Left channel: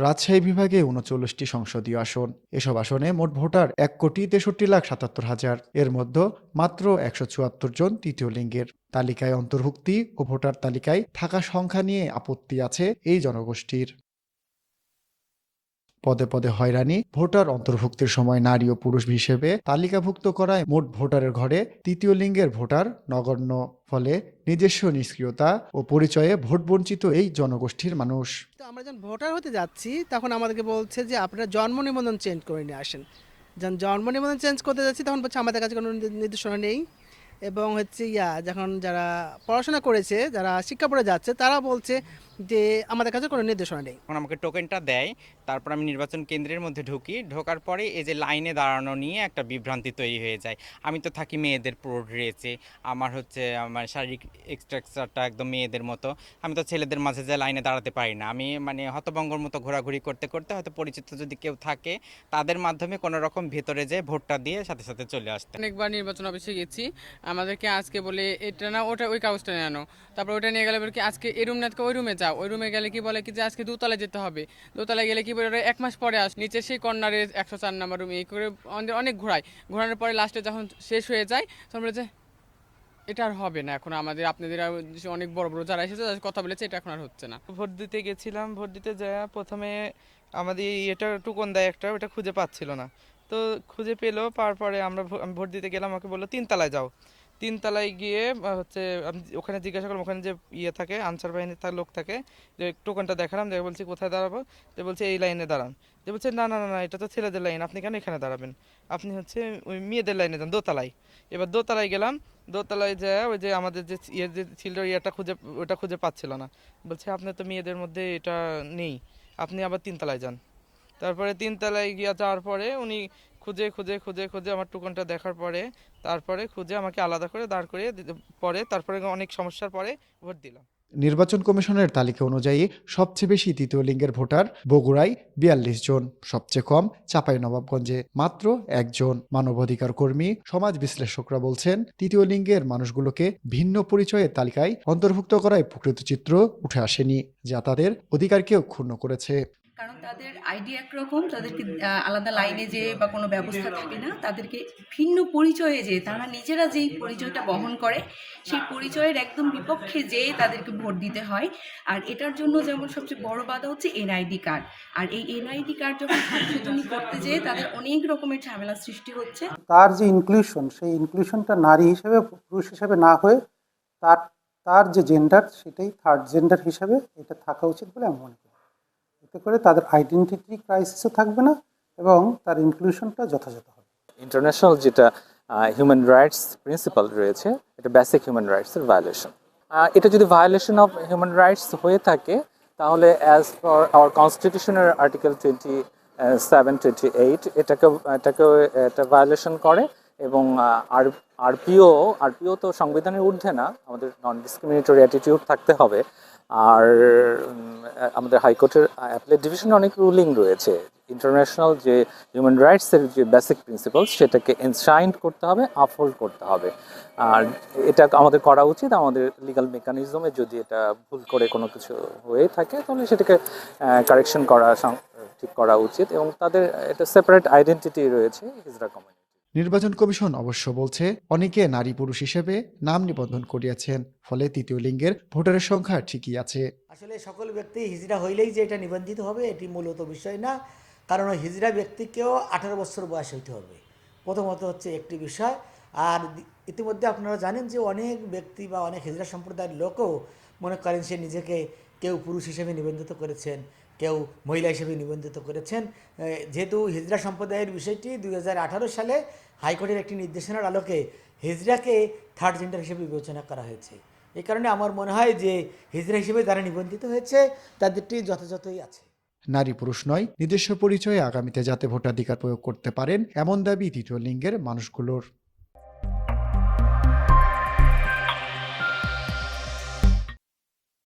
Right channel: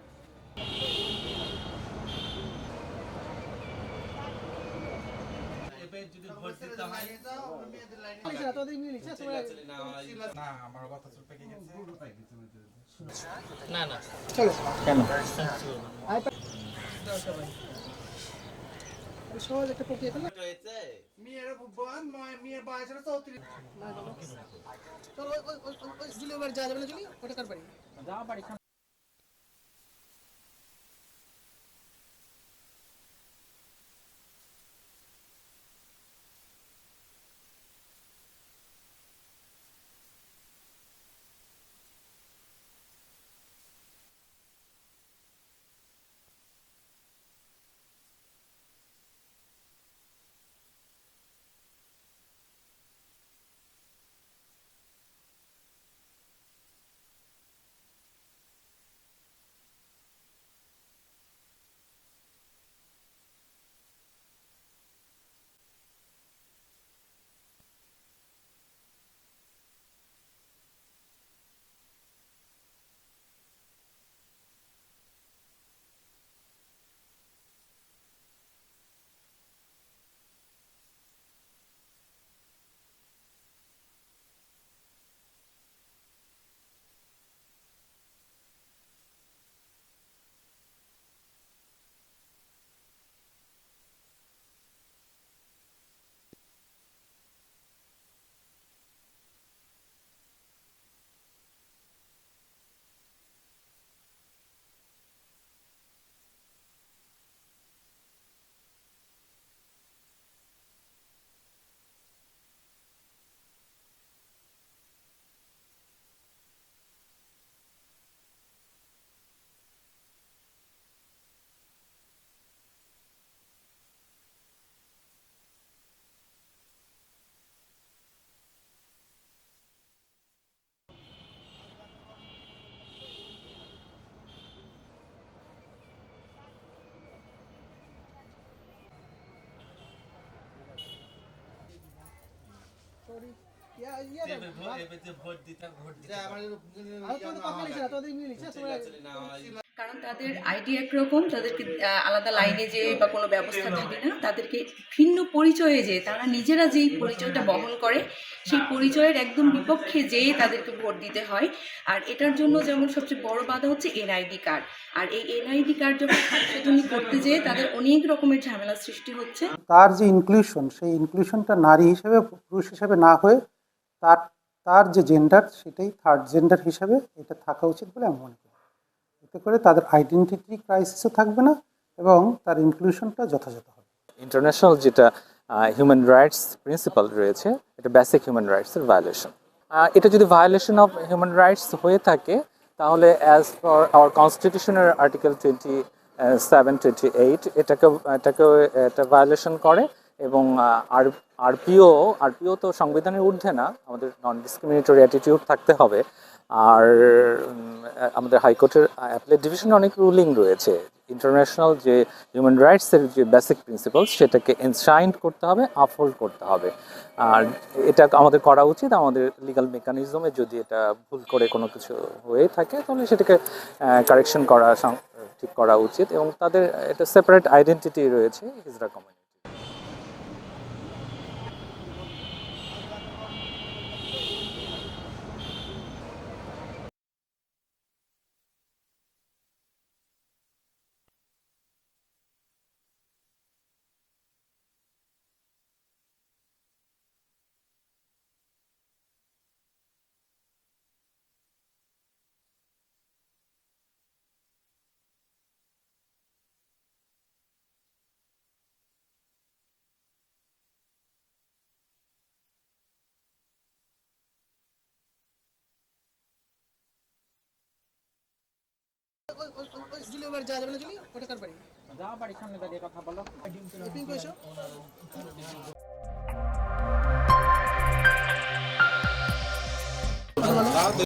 রাজশাহী বিভাগে ৩৯টি সংসদীয় আসন। এসব আসনে মোট ভোটার ১,৬৩,৭৭,০০০। এর মধ্যে মাত্র ১৭৪ জন তৃতীয় লিঙ্গের। তালিকায় অন্তর্ভুক্তি ও ভোটার তালিকায় থাকা সংখ্যা নিয়ে আপত্তি আছে এই জনগোষ্ঠীর। পদে পদে হয়রানি, ভোটার অন্তর্ভুক্তির সময় নারী ও পুরুষ হিসেবে তালিকাভুক্ত করায় মোট ভোটারের ঘরে তৃতীয় লিঙ্গের ভোটার নগণ্য। ফলে নিজস্ব নিষ্ক্রিয়তা ও পরিচয়ে ভোট বঞ্চিত এই জনগোষ্ঠীর মানুষ। তো আমরা যখন ভোটার হতে যাচ্ছি তখন আমাদেরকে বলছে যে আপনারা জন্ম নিবন্ধন চেঞ্জ করে নিয়ে আসেন। যখন জন্ম নিবন্ধন চেঞ্জ করতে যাচ্ছি তখন বলছে আমাদের কাছে কোনো নির্দেশনা নেই। এবং হচ্ছে যখন যারা পড়াশোনা করেছে, যারা শিক্ষা পড়ে যাচ্ছে, তারা বলছে যে আমাদের কাছে কোনো নির্দেশনা নেই। এখন আমাকে টোকেনটা দেয়, তারপর আমি নির্বাচন কেন্দ্রের মধ্যে ঢুকি, ঢোকার পরে এই যে লাইনে দাঁড়ানো নিয়ে একটা বিভ্রান্তি তৈরি হয়ে যায়। আমি তো থাকি মেয়েদের পুরো ড্রেসে, আমার শারীরিক স্ট্রাকচারটা একদম মেয়েদের মতো। আমি তো ছেলেদের মাঝে যে লাইনে দাঁড়াতে পারি না। আমি মানে হতভম্বর মতো ঘোরাঘুরি করতে করতে হয়তো পরিচিত যদি কেউ থাকে তাদের মাধ্যমে কোনো রকম ভেতরে যেয়ে ভোটটা দিয়ে সাথে সাথে চলে আসতে। অনেকবার নির্বাচন অফিসে গেছি, আমাদেরকে আজকে বলে এটা না ওটা, ওই কাগজটা নিয়ে আনো, তারপর ওটা নিয়ে গেলে বলে কি আজকে এই রুম না ওই রুমে যাও, ওই রুমে গেলে কি বলে কি যে আজকে দোতলায় যেতে হবে, দোতলায় গেলে কি বলে ওরা 1 মাস পরে নিচে সেই কর্নারে 104 নম্বর রুম, এই করে আমাদের অনেক ঘোরানোর পরে লাস্টে যখন শেষ হয়ে যায় তখন বলে যে এটা আর হবে না, এখন আমাদের আপনাদের অনেক বড় বড় যারা এসেছে তাদের কথা বলেছে, এটা এখন আর হচ্ছে না। ভোট দিতে গেছিলাম, ভোট দিতে যায় প্রথমে আমাদের এটা টোকন দেয় একটা, ওটা খুঁজে পাচ্ছিল না। তো খুঁজে পেলো, পাওয়ার পরে আমি ভোট দিতে গেলাম, আমাকে বললো 3 তলায় যাও। 3 তলায় গিয়ে আমি ওখানে জিজ্ঞাসা করলাম, ওখানে যে থাকে আনসার বাহিনীর লোক থাকে, যে টোকনটা দেখালাম, দেখে বলছি কোথায় দাঁড়াবো, যে বলছে এই লাইনে দাঁড়ান। যে বলছে না না না না, এটা তো ছেলেদের লাইন, আপনি কেন এখানে দাঁড়াবেন, আপনি ওই মেয়েদের লাইনে যান দোতলায়। এবার দোতলায় গেলাম, দোতলায় যায় ওই যে আমাদের যে যে ছিল ওটা খুঁজে পাচ্ছিল না। বলছে আপনার তো মেয়েদের মধ্যে এটা নেই, আপনি আবার 3 তলায় যান। তারপরে 3 তলায় গিয়ে যাওয়ার পরে উনি খুঁজে খুঁজে খুঁজে খুঁজে আমার টুকনটা দেখার পরে তারপরে খুঁজে আমাকে আলাদা করে দাঁড় করিয়ে পরে তারপরে অনেক সমস্যার পরে ভোট দিলাম। নির্বাচন কমিশনের তালিকা অনুযায়ী সবচেয়ে বেশি তৃতীয় লিঙ্গের ভোটার বগুড়ায় ৪২ জন, সবচেয়ে কম চাঁপাইনবাবগঞ্জে মাত্র ১ জন। মানবাধিকার কর্মী, সমাজ বিশ্লেষকরা বলছেন তৃতীয় লিঙ্গের মানুষগুলোকে ভিন্ন পরিচয়ের তালিকায় অন্তর্ভুক্ত করায় প্রকৃত চিত্র উঠে আসেনি, যা তাদের অধিকারকেও ক্ষুণ্ণ করেছে। কারণ তাদের আইডি একরকম, তাদেরকে আলাদা লাইনে যে বা কোনো ব্যবস্থা থাকে না, তাদেরকে ভিন্ন পরিচয়ে যে তারা নিজেরা যেই পরিচয়টা বহন করে সেই পরিচয়ের একদম বিপক্ষে যেয়ে তাদেরকে ভোট দিতে হয়। আর এটার জন্য যেমন সবচেয়ে বড় বাধা হচ্ছে এনআইডি কার্ড। আর এই এনআইডি কার্ড যখন সংশোধনী করতে যেয়ে তাদের অনেক রকমের ঝামেলার সৃষ্টি হচ্ছে। তার যে ইনক্লুশন, সেই ইনক্লুশনটা নারী হিসেবে পুরুষ হিসেবে না হয়ে তার তার যে জেন্ডার সেটাই থার্ড জেন্ডার হিসেবে এটা থাকা উচিত বলে আমি মনে করি। এতে করে তাদের আইডেন্টিটি ক্রাইসিসও থাকবে না এবং তার ইনক্লুশনটা যথাযথ হবে। ইন্টারন্যাশনাল যেটা হিউম্যান রাইটস প্রিন্সিপাল রয়েছে, এটা বেসিক হিউম্যান রাইটসের ভায়োলেশন। এটা যদি ভায়োলেশন অফ হিউম্যান রাইটস হয়ে থাকে তাহলে অ্যাজ ফর আওয়ার কনস্টিটিউশনের আর্টিকেল 27-28 এটাকেও এটা ভায়োলেশন করে। এবং আরপিও তো সংবিধানের ঊর্ধ্বে না, আমাদের নন ডিসক্রিমিনেটরি অ্যাটিটিউড থাকতে হবে। আর আমাদের হাইকোর্টের অ্যাপেলেট ডিভিশনে অনেক রুলিং রয়েছে। ইন্টারন্যাশনাল যে হিউম্যান রাইটসের যে বেসিক প্রিন্সিপালস সেটাকে এনশাইন্ড করতে হবে, আপহোল্ড করতে হবে। আর এটা আমাদের করা উচিত। আমাদের লিগ্যাল মেকানিজমে যদি এটা ভুল করে কোনো কিছু হয়ে থাকে তাহলে সেটাকে কারেকশন করা, ঠিক করা উচিত। এবং তাদের একটা সেপারেট আইডেন্টিটি রয়েছে হিজড়া কমিউনিটি। নির্বাচন কমিশন অবশ্য বলছে অনেকে নারী পুরুষ হিসেবে নাম নিবন্ধন করিয়েছেন, ফলে তৃতীয় লিঙ্গের ভোটারের সংখ্যা ঠিকই আছে। আসলে সকল ব্যক্তি হিজড়া হইলেই যে এটা নিবন্ধিত হবে এটি মূলত বিষয় না, কারণ ওই হিজড়া ব্যক্তিকেও 18 বছর বয়স হইতে হবে, প্রথমত হচ্ছে একটি বিষয়। আর ইতিমধ্যে আপনারা জানেন যে অনেক ব্যক্তি বা অনেক হিজড়া সম্প্রদায়ের লোকও মনে করেন সে নিজেকে কেউ পুরুষ হিসেবে নিবন্ধিত করেছেন, কেউ মহিলা হিসেবে নিবন্ধিত করেছেন। যেহেতু হিজড়া সম্প্রদায়ের বিষয়টি 2018 সালে হাইকোর্টের একটি নির্দেশনার আলোকে হিজড়াকে থার্ড জেন্ডার হিসেবে বিবেচনা করা হয়েছে। এই কারণে আমার মনে হয় যে হিজড়া হিসেবে যারা নিবন্ধিত হয়েছে তাদেরটি যথাযথই আছে। নারী পুরুষ নয়, নিজস্ব পরিচয়ে আগামীতে যাতে ভোটাধিকার প্রয়োগ করতে পারেন এমন দাবি তৃতীয় লিঙ্গের মানুষগুলোর।